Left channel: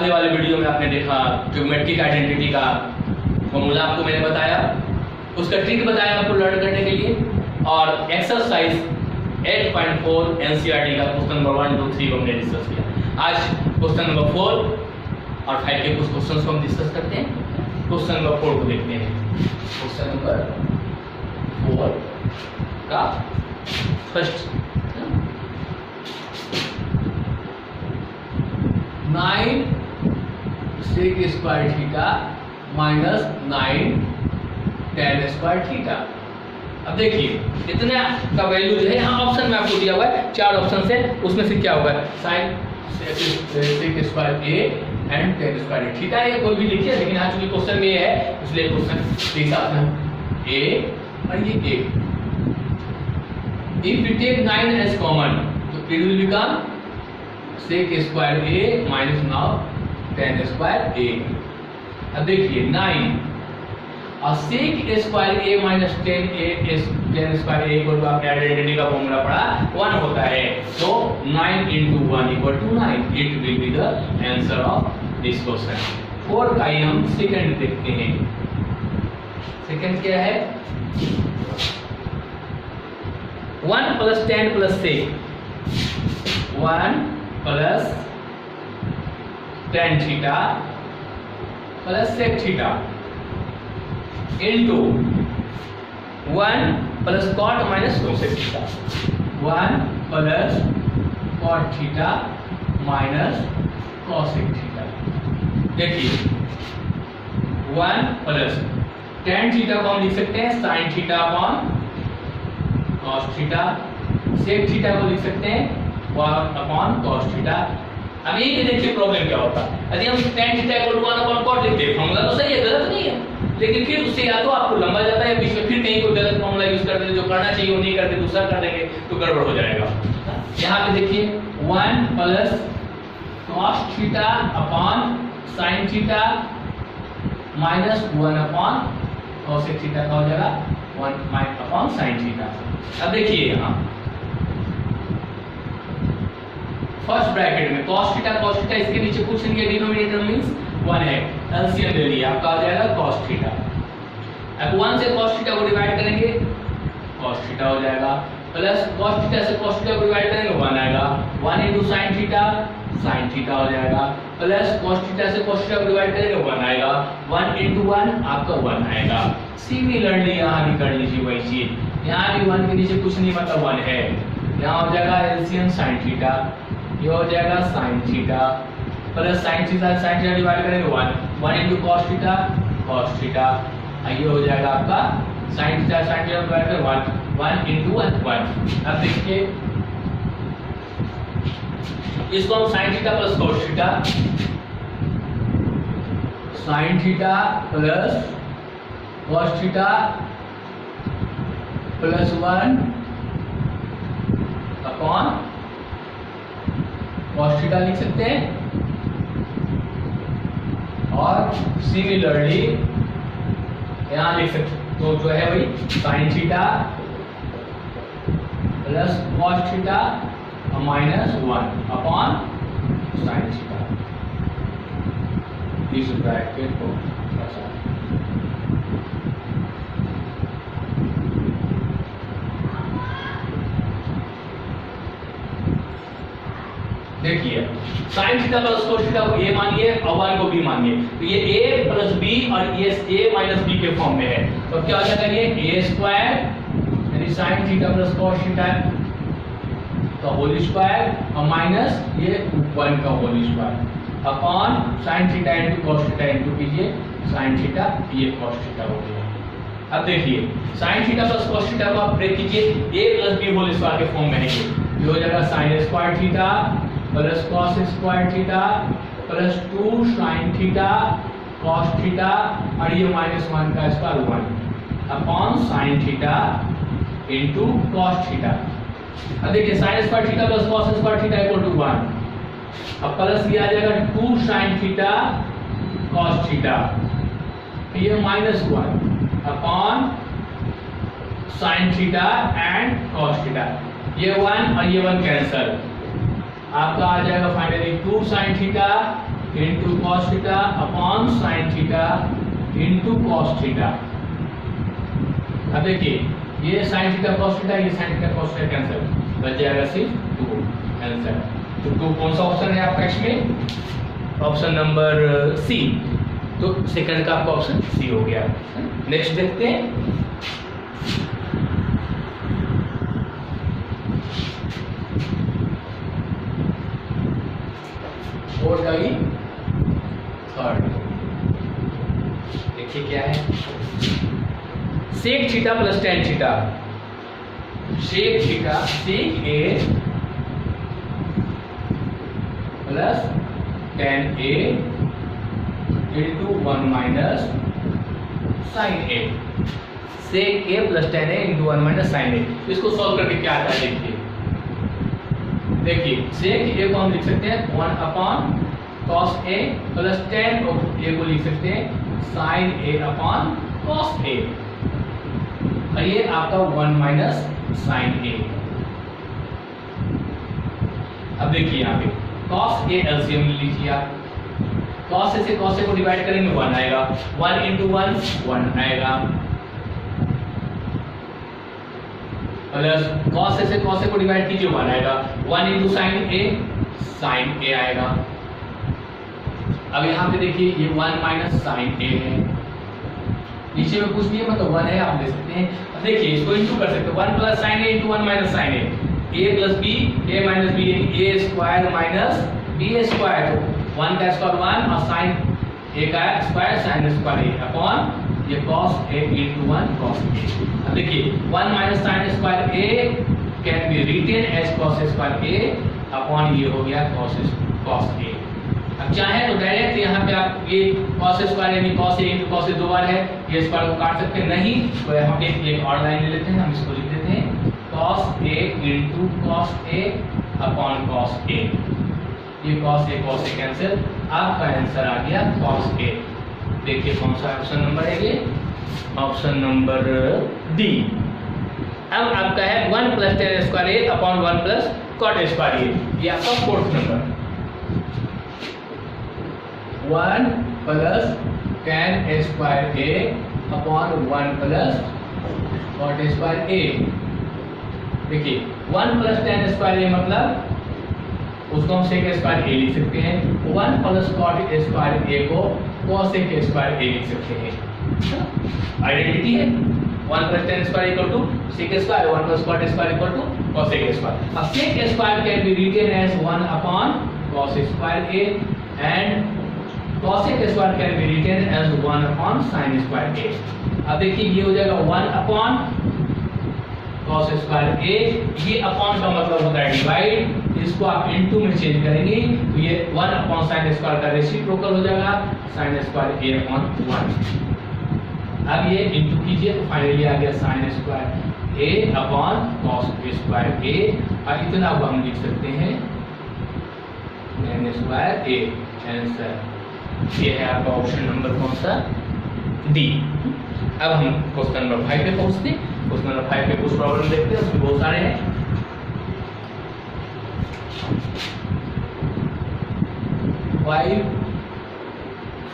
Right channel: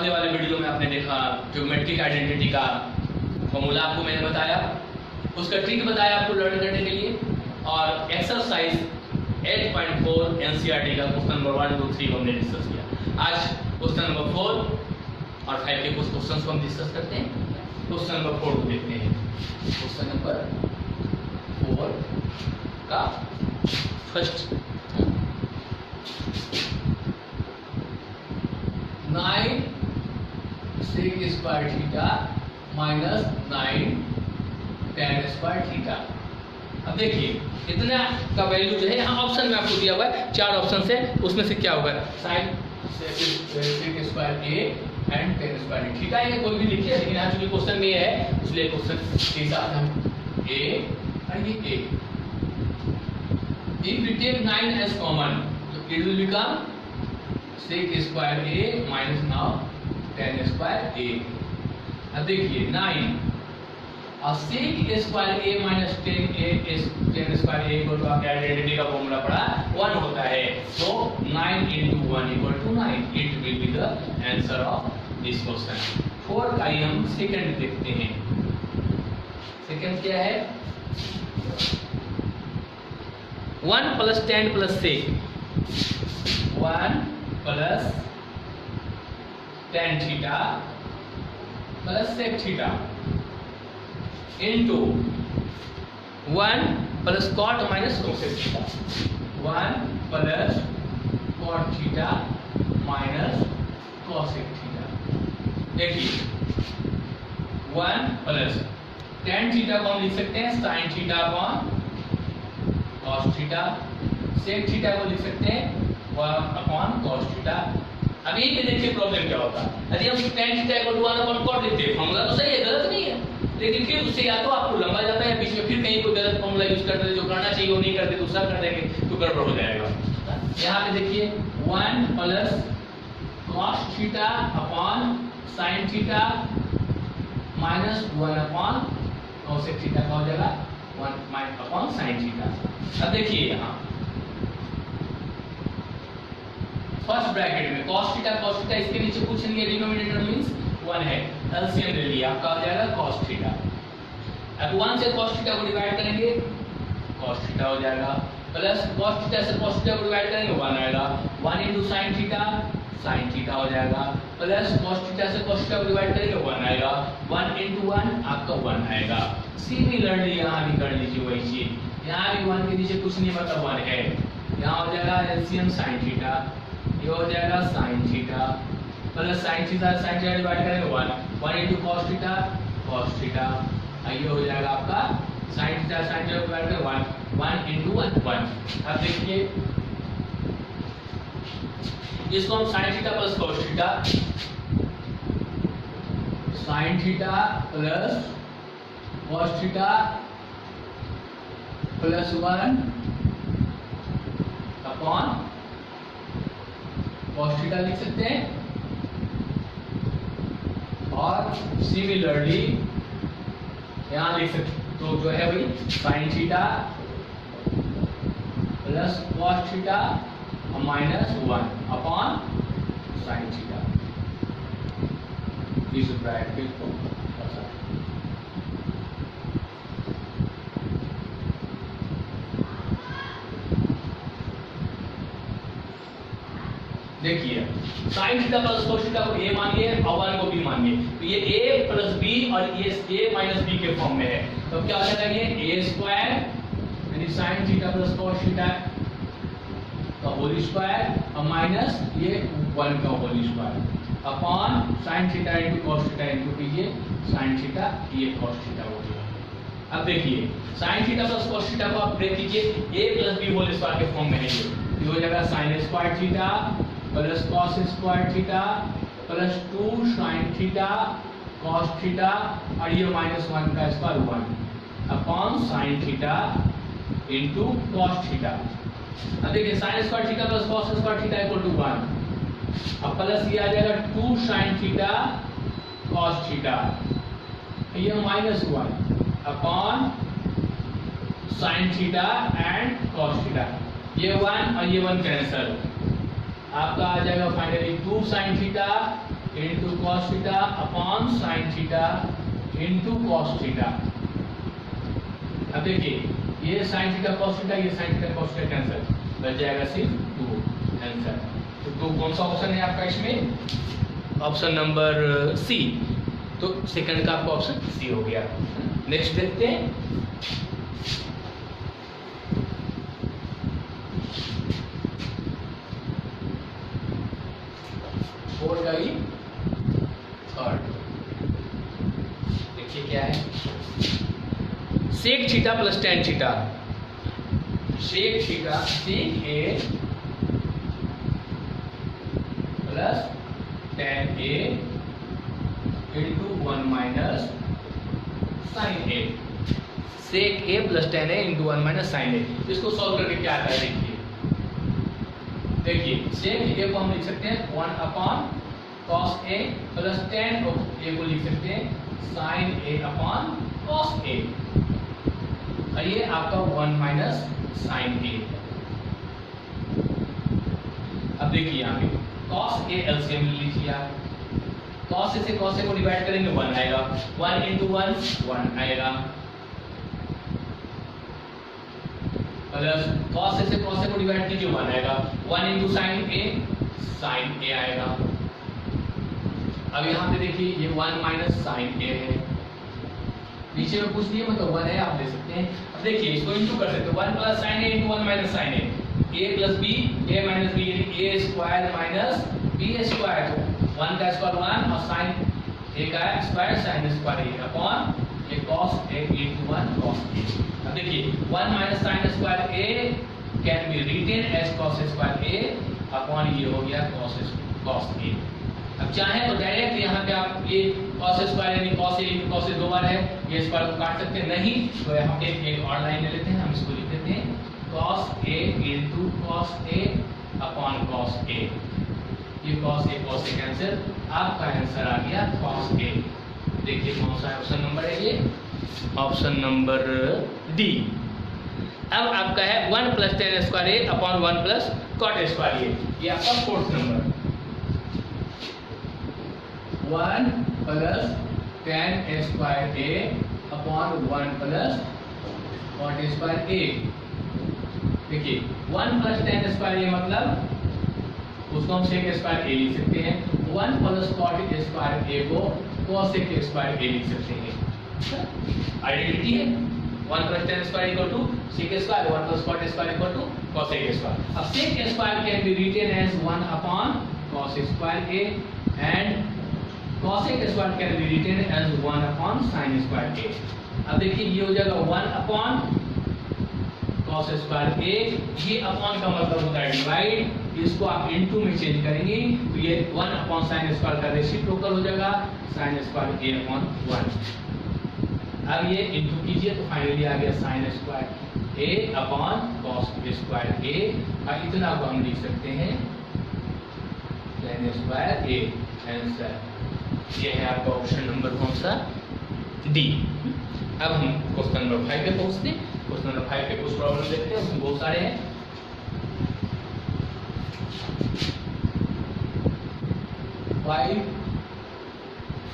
पहले वाले वीडियो में आपने देखा ज्योमेट्रिक आइडेंटिटी का फॉर्मूला आपको मैंने बताया, उसका ट्रिक बताया आपको लर्न करने के लिए, और एक्सरसाइज 8.4 एनसीईआरटी का क्वेश्चन नंबर 1, 2, 3 को हमने डिस्कस किया। आज क्वेश्चन नंबर 4 और 5 के कुछ क्वेश्चंस को हम डिस्कस करते हैं। क्वेश्चन नंबर 4 को देखते हैं। क्वेश्चन नंबर 4 का first 9 sec square theta minus 9 tan square theta. अब देखिए इतना का वैल्यू जो है यहाँ ऑप्शन में आपको दिया हुआ है, 4 ऑप्शन से, उसमें से क्या होगा sin sec square a and tan square theta है, कोई भी लिखिए, लेकिन आज भी क्वेश्चन में ये है इसलिए क्वेश्चन के हिसाब से a और ये a। If we take 9 as common, तो it will become sec square a minus now tan square a। अब देखिए 9 और sec square a minus tan square a को आपने आइडेंटिटी का फॉर्मूला पढ़ा 1 होता है, तो 9 into 1 equal to 9। It will be the answer of this question। 4 का ही हम सेकंड देखते हैं। सेकंड क्या है? 1 plus tan plus sec, 1 plus tan theta plus sec theta into 1 plus cot minus cosec theta, 1 plus cot theta minus cosec theta. देखिए 1 plus tan theta को हम लिख सकते हैं sin theta upon cos theta, sec theta को लिख सकते हैं 1 अपॉन cos थीटा। अब ये देखिए प्रॉब्लम क्या होता है, यदि हम tan थीटा को 1 अपॉन cot लिखते हैं, फॉर्मूला तो सही है, गलत नहीं है, लेकिन फिर उससे या तो आपको लंबा जाता है बीच में, फिर कहीं कोई गलत फॉर्मूला यूज कर देते, जो करना चाहिए वो नहीं करते, दूसरा कर देंगे तो गड़बड़ हो जाएगा। यहाँ पे देखिए 1 plus cos theta upon sin theta minus 1 upon cosec theta का हो जाएगा 1 अपॉन sin थीटा। अब देखिए यहाँ फर्स्ट ब्रैकेट में cos थीटा इसके नीचे कुछ नहीं है, डिनोमिनेटर मींस 1 है, एलसीएम ले लिया आपका आ जाएगा cos थीटा। अब 1 से cos थीटा को डिवाइड करेंगे cos थीटा हो जाएगा, प्लस cos थीटा से cos थीटा को डिवाइड करेंगे 1 आएगा, 1 into sin थीटा हो जाएगा, प्लस cos थीटा से cos थीटा को डिवाइड करेंगे 1 आएगा, 1 into 1 आपका 1 आएगा। सिमिलरली यहाँ भी कर लीजिए वही चीज, यहाँ भी 1 के नीचे कुछ नहीं मतलब 1 है, यहाँ हो जाएगा एलसीएम sin थीटा, ये हो जाएगा sin theta, plus sin theta divide करेंगे 1 into cos थीटा, ये हो जाएगा आपका sin थीटा डिवाइड करेंगे 1 into 1। अब देखिए इसको हम sin theta plus cos theta, sin theta plus cos theta plus 1 upon cos theta लिख सकते हैं, और सिमिलरली यहाँ लिख सकते तो जो है वही sin theta plus cos theta minus 1 upon sin theta. इस ब्रैकेट को देखिए sin theta plus cos theta को a मानिए और 1 को b मानिए, तो ये a प्लस b और ये a माइनस b के फॉर्म में है, तो क्या हो जाएगा ये a स्क्वायर यानी sin theta plus cos theta का होल स्क्वायर और माइनस ये 1 का whole square upon sin theta into cos theta into कीजिए sin थीटा, ये cos थीटा हो गया। अब देखिए sin theta plus cos theta को आप ब्रेक कीजिए, a plus b whole square के फॉर्म में है, ये हो जाएगा sin square theta plus cos square theta plus 2 sin theta cos theta, और ये माइनस 1 का square 1 upon sin theta into cos theta. अब देखिए sin square theta plus cos square theta equal to 1, अब प्लस ये आ जाएगा 2 sin थीटा cos थीटा, ये minus 1 upon sin theta and cos theta, ये 1 और ये 1 कैंसिल, आपका आ जाएगा finally 2 sin theta into cos theta upon sine theta into cos theta. अब देखिए ये साइन थीटा कॉस थीटा, ये sine theta cos theta cancel, बच जाएगा सिर्फ 2 आंसर। तो 2 कौन सा ऑप्शन है आपका इसमें? Option number C. तो सेकंड का आपका ऑप्शन सी हो गया। नेक्स्ट देखते हैं। और थर्ड देखिए क्या है, sec theta plus tan theta. Sec theta sec A plus tan A into 1 minus sine A. Sec A plus tan A into 1 minus sine A. इसको सॉल्व करके क्या आता है देखिए सेक ए को हम लिख सकते हैं 1 upon cos A plus tan ए को लिख सकते हैं sign A upon cos A, और ये आपका 1 माइनस साइन ए। अब देखिए यहाँ पे कॉस ए एलसीएम ले लीजिए आप। कॉस ए से कॉस ए को डिवाइड करेंगे 1 आएगा, 1 इंटू 1 1 आएगा, प्लस कॉस ए से कॉस ए को डिवाइड कीजिए 1 आएगा, 1 इंटू साइन ए आएगा। अब यहाँ पे देखिए ये 1 माइनस साइन ए है, नीचे में कुछ नहीं है मतलब 1 है, आप ले सकते हैं। अब देखिए इसको इंटू कर सकते हैं 1 प्लस साइन ए इंटू 1 माइनस साइन ए प्लस बी ए माइनस बी यानी ए स्क्वायर माइनस बी स्क्वायर। तो 1 का स्क्वायर 1 और साइन ए का square sine square A upon ये cos a into 1 cos a। अब देखिए 1 minus sin square a can be written as cos square a upon ये हो गया cos a। अब चाहे तो डायरेक्ट यहाँ पे आप ये cos स्क्वायर यानी cos a into cos a 2 बार है, ये स्क्वायर को काट सकते हैं, नहीं तो यहाँ पे एक और लाइन ले लेते हैं, हम इसको लिख देते हैं cos a into cos a upon cos a। ये cos a कैंसिल, आपका आंसर आ गया cos a। देखिए कौन सा ऑप्शन नंबर है ये? Option number D. अब आपका है 1 plus tan square A upon 1 plus cot square A, ये आपका fourth number. 1 plus tan square A upon 1 plus cot square A. देखिए 1 प्लस टेन स्क्वायर ए मतलब उसको हम सेक स्क्वायर ए लिख सकते हैं, 1 प्लस कॉट स्क्वायर ए को cos के स्क्वायर ए लिख सकते हैं। आइडेंटिटी है 1 plus tan square equal to sec square, 1 plus cot square equal to cos के स्क्वायर। अब sec square can be written as 1 upon cos square A and cos के square can be written as 1 upon sin square A. अब देखिए ये हो जाएगा 1 upon cos square A, ये upon का मतलब होता है डिवाइड, इसको आप इनटू में चेंज करेंगे तो ये 1 अपॉन sin स्क्वायर का रेसिप्रोकल हो जाएगा sin स्क्वायर a अपॉन 1। अब ये इनटू कीजिए तो फाइनली आ गया sin square a upon cos square a, और इतना को हम लिख सकते हैं sin स्क्वायर a। आंसर ये है आपका ऑप्शन नंबर कौन सा? डी। अब हम क्वेश्चन नंबर 5 पे पहुंचते हैं। क्वेश्चन नंबर 5 पे कुछ प्रॉब्लम देखते हैं, उसमें बहुत सारे हैं।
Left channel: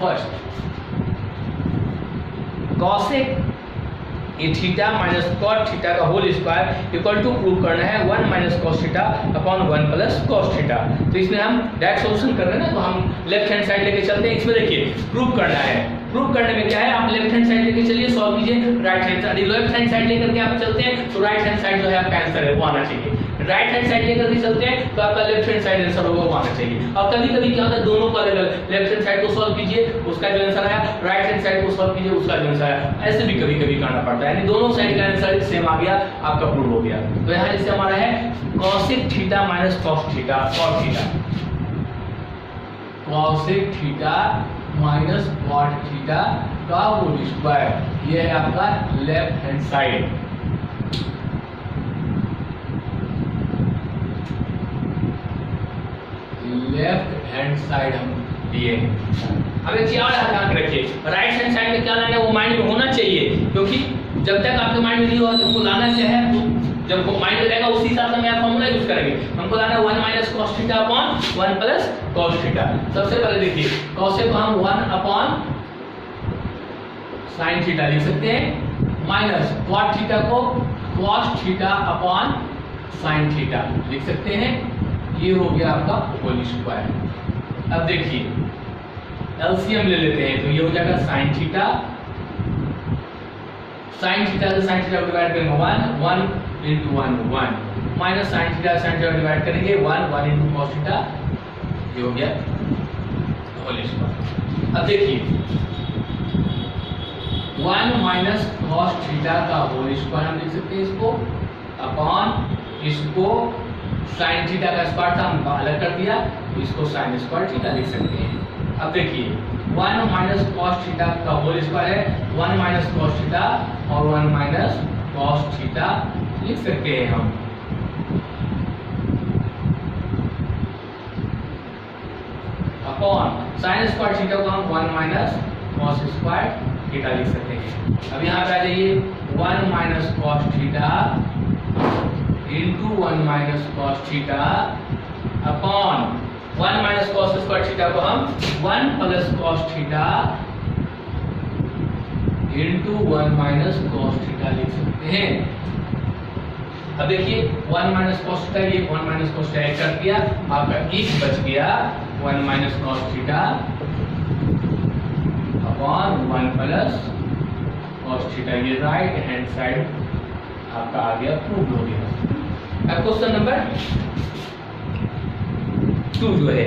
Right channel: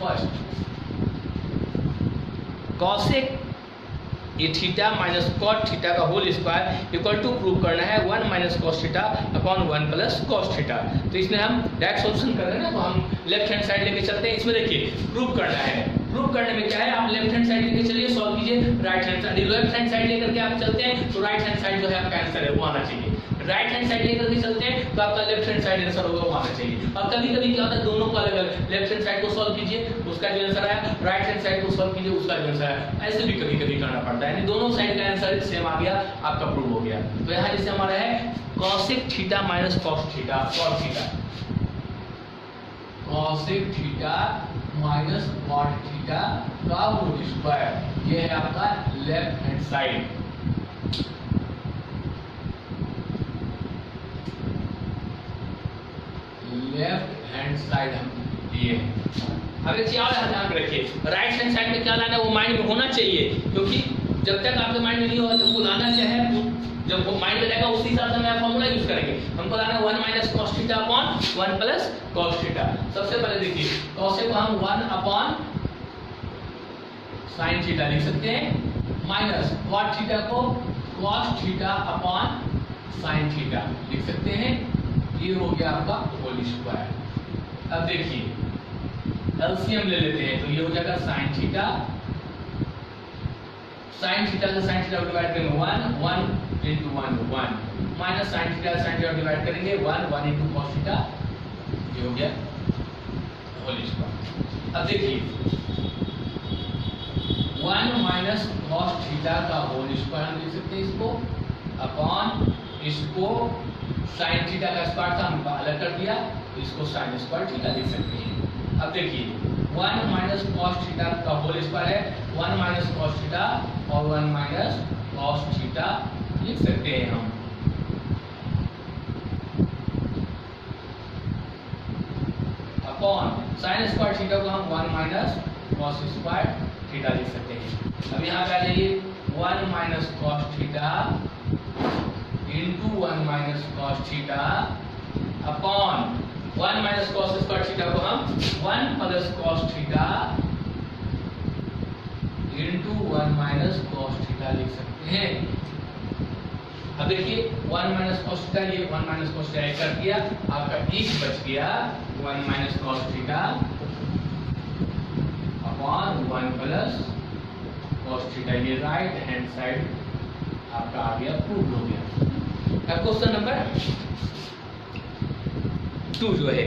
First cosec A theta minus cot theta का whole square equal to prove करना है 1 minus cos theta upon 1 plus cos theta. तो इसमें हम डायरेक्ट सॉल्यूशन कर रहे हैं ना, तो हम लेफ्ट हैंड साइड लेके चलते हैं। इसमें देखिए प्रूव करना है, प्रूव करने में क्या है, आप लेफ्ट हैंड साइड लेके चलिए, सॉल्व कीजिए। Right hand side left hand side लेकर के आप चलते हैं तो राइट हैंड साइड जो है आपका आंसर है वो आना चाहिए। राइट हैंड साइड लेकर के चलते हैं तो आपका लेफ्ट हैंड साइड आंसर होगा वो आना चाहिए। और कभी कभी क्या होता है दोनों को अलग अलग, लेफ्ट हैंड साइड को सॉल्व कीजिए उसका जो आंसर आया, राइट हैंड साइड को सॉल्व कीजिए उसका जो आंसर आया, ऐसे भी कभी कभी करना पड़ता है, यानी दोनों साइड का आंसर सेम आ गया, आपका प्रूव हो गया। तो यहाँ जैसे हमारा है cosec theta minus cos theta, cot theta, cosec theta minus cot theta का होल स्क्वायर, ये है आपका left hand side. Left hand side हम दिए। अब एक चीज और ध्यान रखिए, राइट हैंड साइड में क्या लाना है वो माइंड में होना चाहिए, क्योंकि जब तक आपके माइंड में नहीं होगा तो वो लाना क्या है, तो जब वो माइनस रहेगा उसी हिसाब से हम फॉर्मूला यूज करेंगे। हमको लाना 1 minus cos theta upon 1 plus cos theta. सबसे पहले देखिए cos को हम 1 अपॉन sin थीटा लिख सकते हैं, माइनस cot थीटा को cos theta upon sin theta लिख सकते हैं। ये हो गया आपका होल स्क्वायर। अब देखिए एलसीएम ले लेते हैं, तो ये हो जाएगा sin थीटा, sin थीटा से sin थीटा डिवाइड करेंगे 1 into 1 1 minus sin theta sin theta divide करेंगे 1 into cos थीटा, ये हो गया होल स्क्वायर। अब देखिए 1 माइनस cos थीटा का होल स्क्वायर हम लिख सकते हैं इसको, अपॉन इसको sin थीटा का स्क्वायर था हम अलग कर दिया, तो इसको sin स्क्वायर थीटा लिख सकते हैं। अब देखिए 1 माइनस cos थीटा का होल स्क्वायर है 1 माइनस cos थीटा और 1 माइनस cos थीटा लिख सकते हैं हम। अपॉन sin स्क्वायर थीटा को हम 1 माइनस cos स्क्वायर थीटा लिख सकते हैं। अब यहाँ पे आ जाइए 1 minus cos theta into 1 minus cos theta upon 1 minus cos square theta को हम 1 plus cos theta into 1 minus cos theta लिख सकते हैं। अब देखिए 1 माइनस cos थीटा, ये 1 माइनस cos थीटा ऐड कर दिया, आपका एक बच गया 1 minus cos theta upon 1 plus cos theta. ये राइट हैंड साइड आपका आ गया, प्रूव हो गया। अब क्वेश्चन नंबर 2 जो है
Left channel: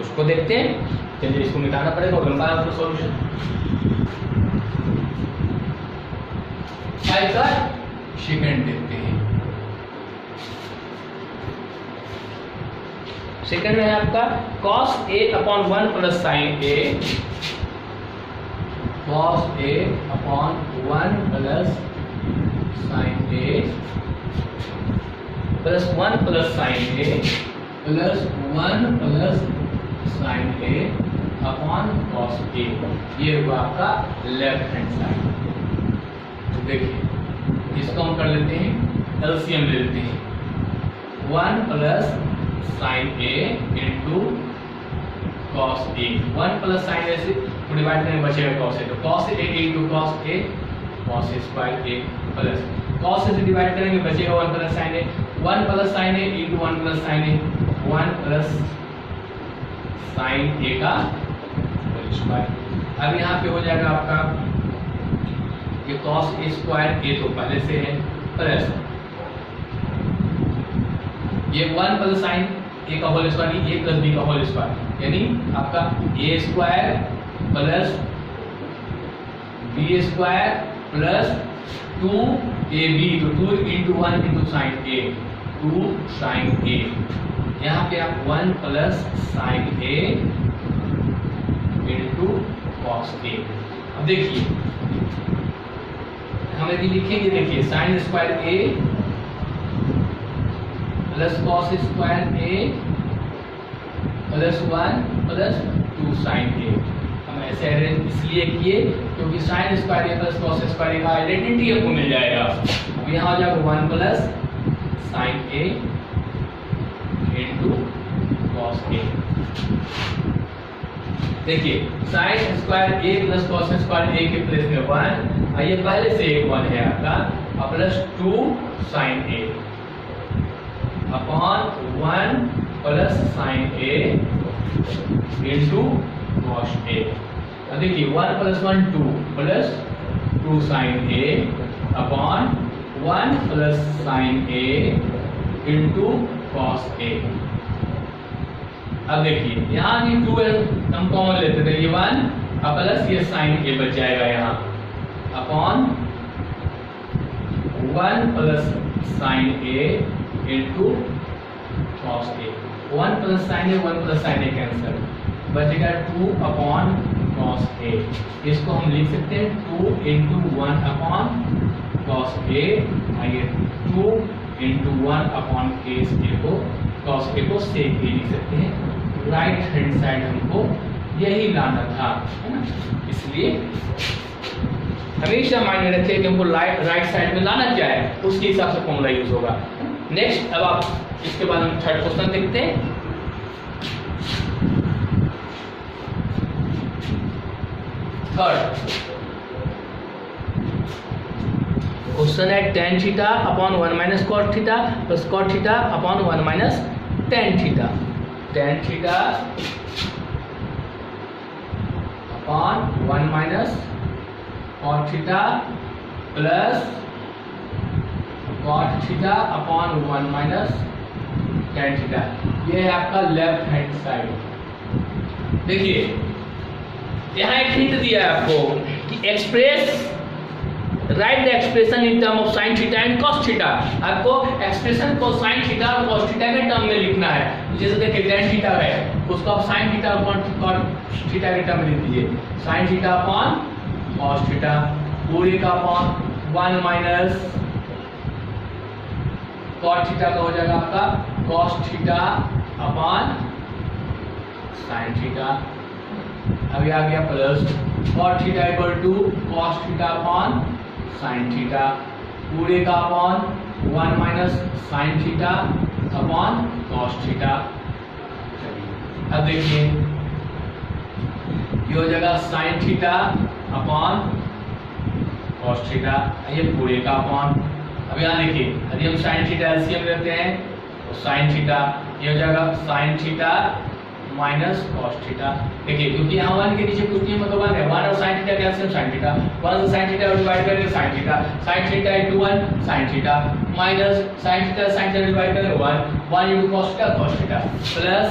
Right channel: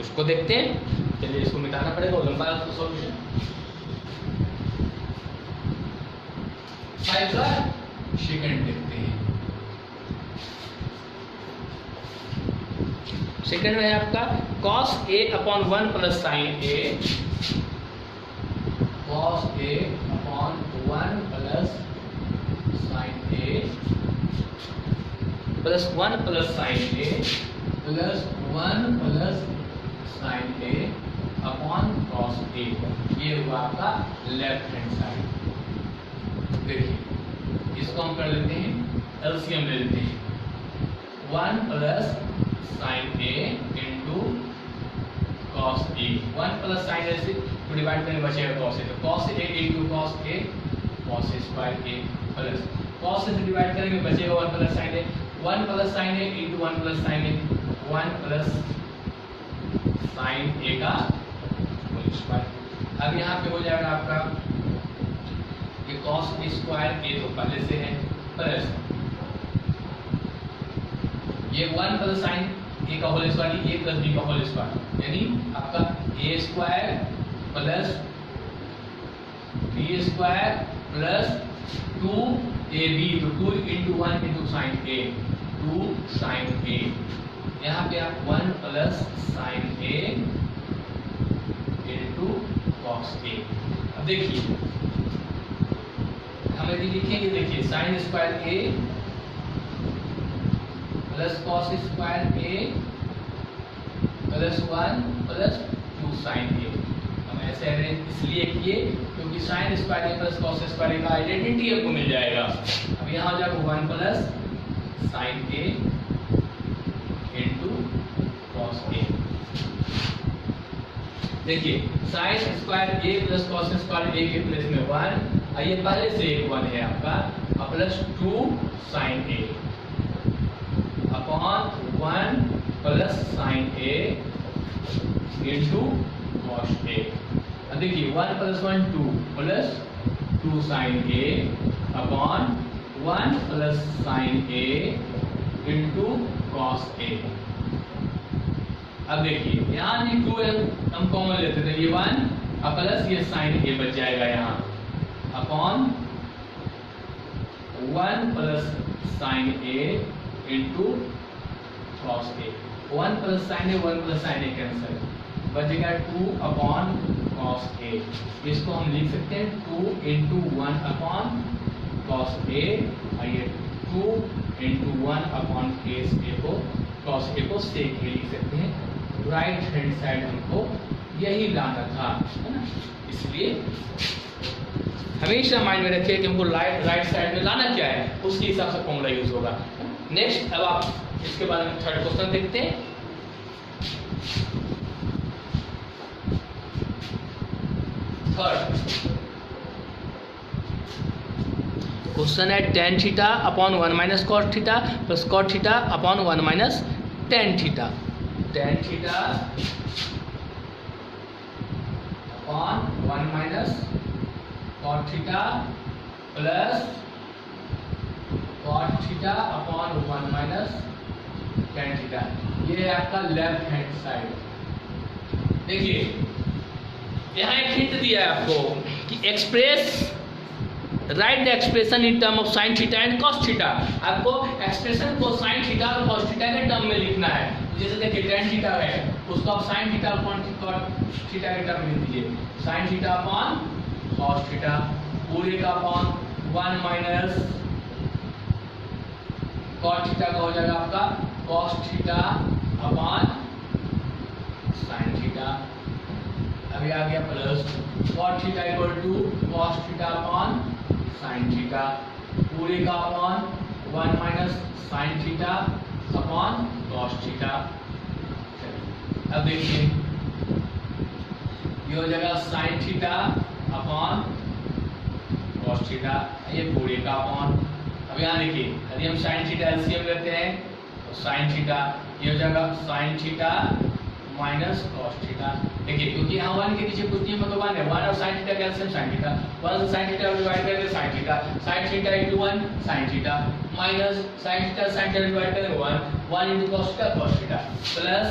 उसको देखते हैं। चलिए इसको मिटाना पड़ेगा और लंबा है उसका सॉल्यूशन। 5 का सेकंड देखते हैं। सेकंड में है आपका cos a upon 1 plus sin a, cos a upon 1 plus sin a plus 1 plus sin a plus 1 plus sin a upon cos a। ये हुआ आपका लेफ्ट हैंड साइड। तो देखिए इसको हम कर लेते हैं, एलसीएम ले लेते हैं 1 plus sin a into cos a। 1 plus sin a से डिवाइड करने बचेगा cos a, तो cos a into cos a cos a square a plus cos a से डिवाइड करेंगे बचेगा 1 plus sin a, 1 plus sin a into 1 plus sin a 1 plus sin a का whole square. अब यहाँ पे हो जाएगा आपका ये cos a स्क्वायर a तो पहले से है, प्लस ये 1 प्लस sin a का whole square, a plus b का होल स्क्वायर, यानी आपका a square plus b square plus 2ab, तो 2 into 1 into sine a, 2 sine a। यहाँ पे आप 1 plus sine a into cos a। अब देखिए हम यदि लिखेंगे, देखिए sine square a plus cos square a plus 1 plus 2 sine a। हम ऐसे अरेंज इसलिए किए क्योंकि sign square a plus cos square a का आइडेंटिटी आपको मिल जाएगा। अब यहाँ हो जाएगा 1 plus sine a into cos a। देखिए sine square a plus cos square a के प्लेस में 1, ये पहले से एक 1 है आपका, plus 2 sine a upon 1 plus sine a into cos a। अब देखिए 1 plus 1 2 plus 2 sine a upon 1 plus sine a into cos a। अब देखिए यहाँ ये 2 हम कॉमन लेते थे, ये 1 प्लस ये साइन a बच जाएगा यहाँ upon 1 plus sine a into cos a। 1 plus sine a 1 plus sine a cancel, बचेगा 2 अपॉन कॉस a। इसको हम लिख सकते हैं 2 इंटू 1 अपॉन कॉस a, और ये 2 इंटू 1 अपॉन केस a को, कॉस a को सेक a लिख सकते हैं। राइट हैंड साइड हमको यही लाना था, है ना। इसलिए हमेशा माइंड में रखिए कि हमको राइट साइड में लाना क्या है, उसके हिसाब से फॉर्मूला यूज होगा। नेक्स्ट, अब आप इसके बाद हम थर्ड क्वेश्चन देखते हैं। थर्ड क्वेश्चन है tan theta upon 1 minus cot theta plus cot theta upon 1 minus tan theta. tan theta upon 1 minus cot theta plus cot theta upon 1 minus tan theta. ये है आपका लेफ्ट हैंड साइड। देखिए यहाँ एक hint दिया है आपको कि express right the expression in term of sine theta and cos theta. आपको एक्सप्रेशन को साइन थीटा और कॉस थीटा के टर्म में लिखना है। जैसे देखिए tan थीटा है, उसको आप sign theta upon cos theta के टर्म में लिख दीजिए। Sign theta upon cos theta पूरी का अपॉन 1 माइनस कॉस थीटा का हो जाएगा आपका cos theta upon sine theta. अभी आ गया plus cot theta equal to cos theta upon sine theta पूरे का upon 1 minus sine theta upon cos theta. अब देखिए ये हो जाएगा sine theta upon cos theta, ये पूरे का अपॉन। अब यहाँ देखिए यदि हम साइन थीटा एलसीएम लेते हैं तो साइन थीटा ये हो जाएगा sine theta minus cos theta. देखिए क्योंकि यहाँ 1 के नीचे कुछ नहीं, मतलब 1 है, 1 और sin theta calcium sin theta, 1 से sin थीटा डिवाइड करेंगे sin theta, sin theta into 1 sin theta minus sin theta sin theta divide करेंगे 1 into cos theta cos theta plus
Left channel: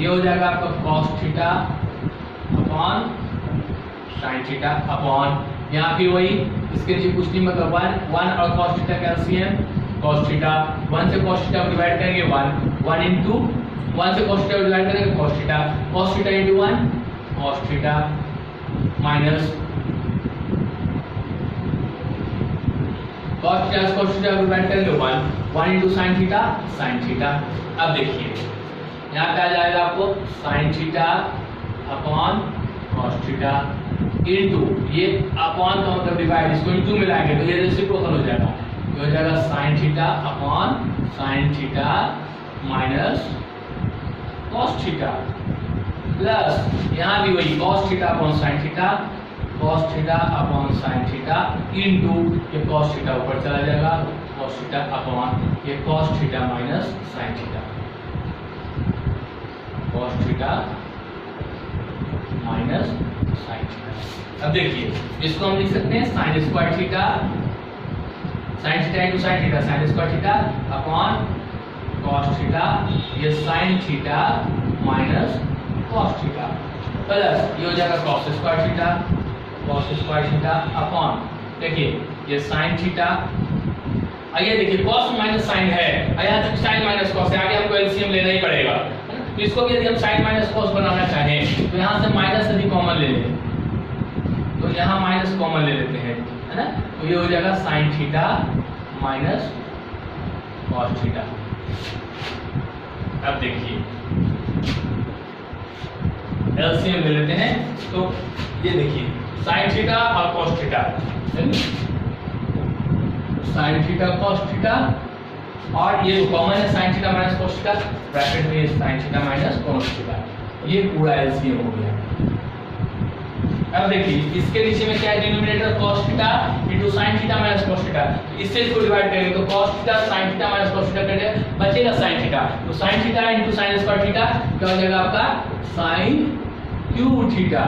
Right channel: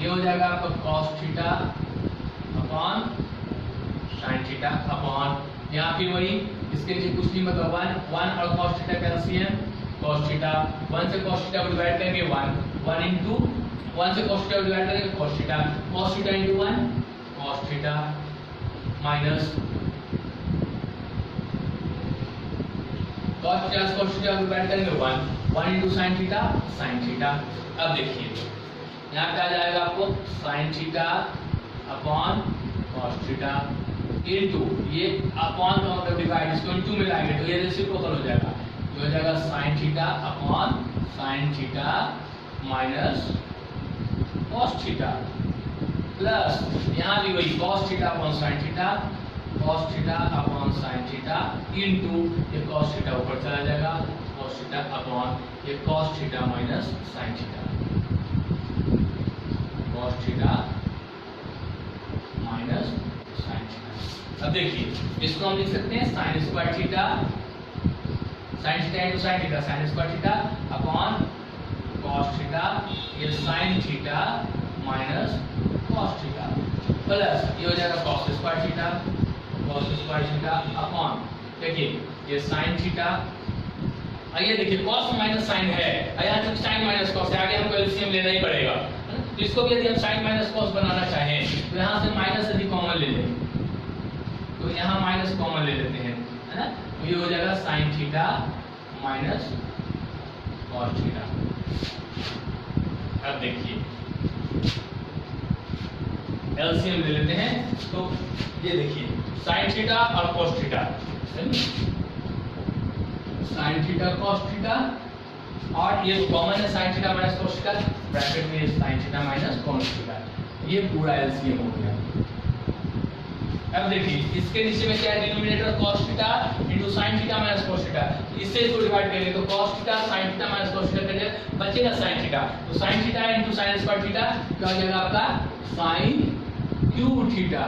ये हो जाएगा आपका cos theta upon sin theta upon यहाँ फिर वही इसके नीचे कुछ नहीं, मतलब 1 और cos theta calcium cos theta, 1 से cos थीटा डिवाइड करेंगे 1 into 1 से cos थीटा डिवाइड करेंगे cos theta into 1 cos theta minus cos theta divide करेंगे 1 into sin theta sin theta. अब देखिए यहाँ क्या जाएगा आपको sin theta upon cos theta into ये अपॉन का मतलब डिवाइड, इसको into मिलाएंगे तो ये रेसिप्रोकल हो जाएगा, ये हो जाएगा sin theta upon sin theta minus cos theta plus यहाँ भी वही cos theta upon sin theta cos theta upon sin theta into ये cos थीटा ऊपर चला जाएगा cos थीटा अपॉन ये cos theta minus sin theta, cos theta minus sin theta. अब देखिए इसको हम लिख सकते हैं sin square theta into sin theta sin square theta upon cos theta ये sin theta minus cos theta plus ये हो जाएगा cos स्क्वायर थीटा अपॉन देखिए ये sin थीटा। आइए देखिए cos माइनस sin है, यहाँ तक sin माइनस cos है, आगे हमको एलसीएम लेना ही पड़ेगा। तो इसको भी यदि हम sin माइनस cos बनाना चाहें तो यहाँ से माइनस यदि कॉमन ले लें तो यहाँ माइनस कॉमन ले लेते हैं, है ना। तो ये हो जाएगा sin theta minus cos theta. अब देखिए एलसीएम ले लेते हैं तो ये देखिए sin थीटा और cos theta, sin theta cos theta और ये कॉमन है sin theta minus cos theta, bracket में sin theta minus cos theta, ये पूरा एलसीएम हो गया। अब देखिए इसके नीचे में क्या है denominator cos theta into sin theta minus cos theta, इससे इसको डिवाइड करेंगे तो cos theta sin theta minus cos theta करेंगे बचेगा sin थीटा, तो sin theta into sin square theta क्या हो जाएगा आपका sin क्यूब थीटा।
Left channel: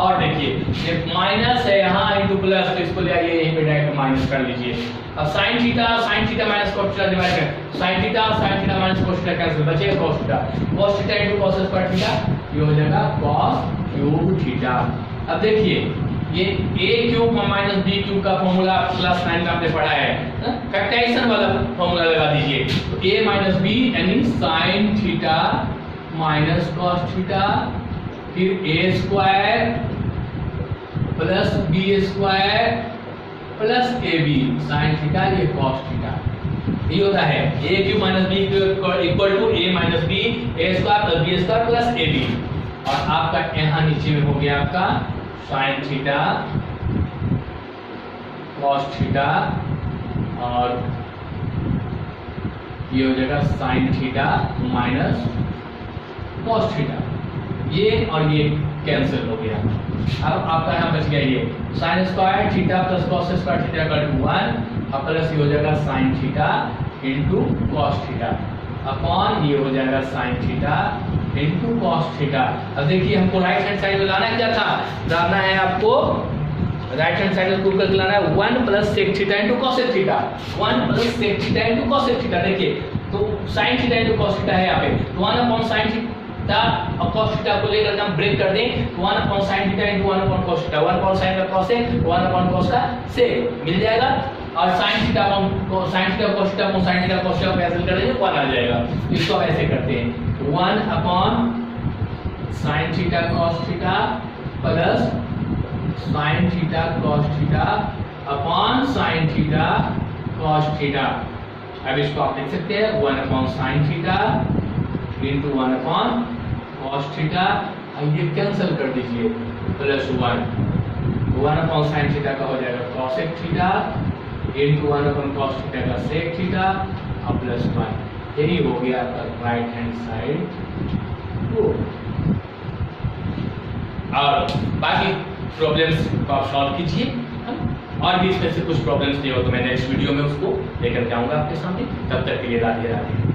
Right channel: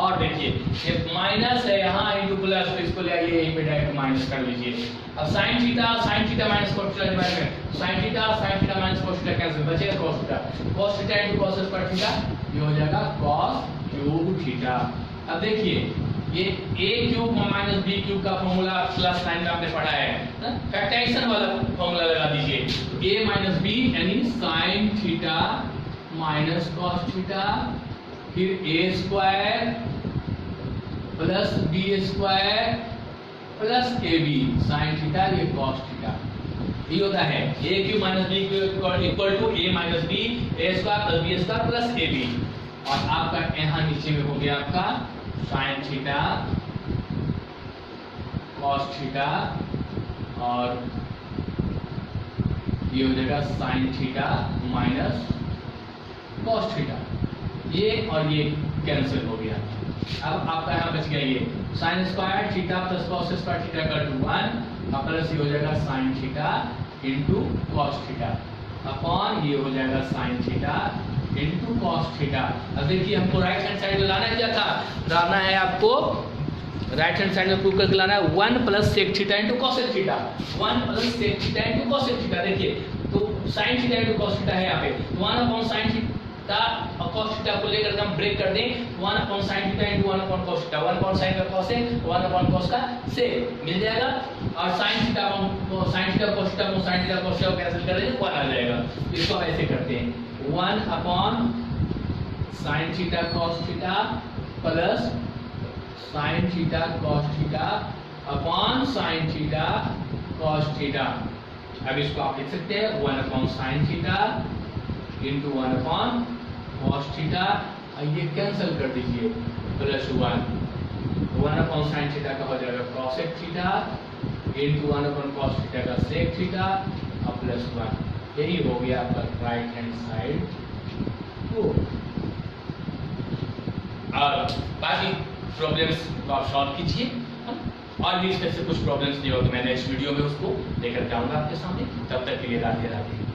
और देखिए ये माइनस है यहाँ इनटू प्लस, तो इसको ले आइए यहीं पे डायरेक्ट माइनस कर लीजिए। अब sin theta minus cos theta divide करें sin theta minus cos theta cancel बचेगा cos theta into cos square theta, ये हो जाएगा cos क्यूब थीटा। अब देखिए ये a cube minus b cube का फॉर्मूला क्लास 9 में आपने पढ़ा है, फैक्टराइजेशन वाला फॉर्मूला लगा दीजिए। तो a माइनस b यानी sin theta minus cos theta फिर a square plus b square plus ab sin theta ये cos थीटा, ये होता है a cube minus b cube equal to a minus b a square plus b square plus ab। और आपका यहाँ नीचे में हो गया आपका साइन थीटा कॉस थीटा और ये हो जाएगा sine theta minus cos theta, ये और ये कैंसिल हो गया। अब आपका यहाँ बच गया ये sine square theta plus cos square theta का 1 और प्लस ये हो जाएगा sine theta into cos theta upon ये हो जाएगा sine theta into cos theta. अब देखिए हमको राइट हैंड साइड लगाना है, क्या था लगाना है आपको, राइट हैंड साइड में प्रूव करके लाना है 1 plus sec theta into cosec theta, 1 plus sec theta into cosec theta. देखिए तो sine theta into cos theta है यहाँ पे, तो 1 अपॉन साइन थीटा और कॉस थीटा को लेकर हम ब्रेक कर दें, तो 1 upon sine theta into 1 upon cos theta, 1 upon sine का कॉसेक 1 अपॉन कॉस का सेक मिल जाएगा, और sign theta upon sine theta cos theta upon sine theta cos theta को कैंसिल कर देंगे 1 आ जाएगा। तो इसको हम ऐसे करते हैं 1 upon sine theta cos theta plus sine theta cos theta upon sine theta cos theta. अब इसको आप लिख सकते हैं 1 upon sine theta into 1 upon cos theta, ये कैंसिल कर दीजिए प्लस 1 अपॉन साइन थीटा का हो जाएगा cosec theta into 1 upon cos theta का सेक थीटा और प्लस 1। यही हो गया आपका राइट हैंड साइड प्रूफ। और बाकी प्रॉब्लम्स को आप सॉल्व कीजिए, और भी इसमें से कुछ प्रॉब्लम्स नहीं हो तो मैं नेक्स्ट वीडियो में उसको लेकर के आऊंगा आपके सामने। तब तक के लिए राधे राधे।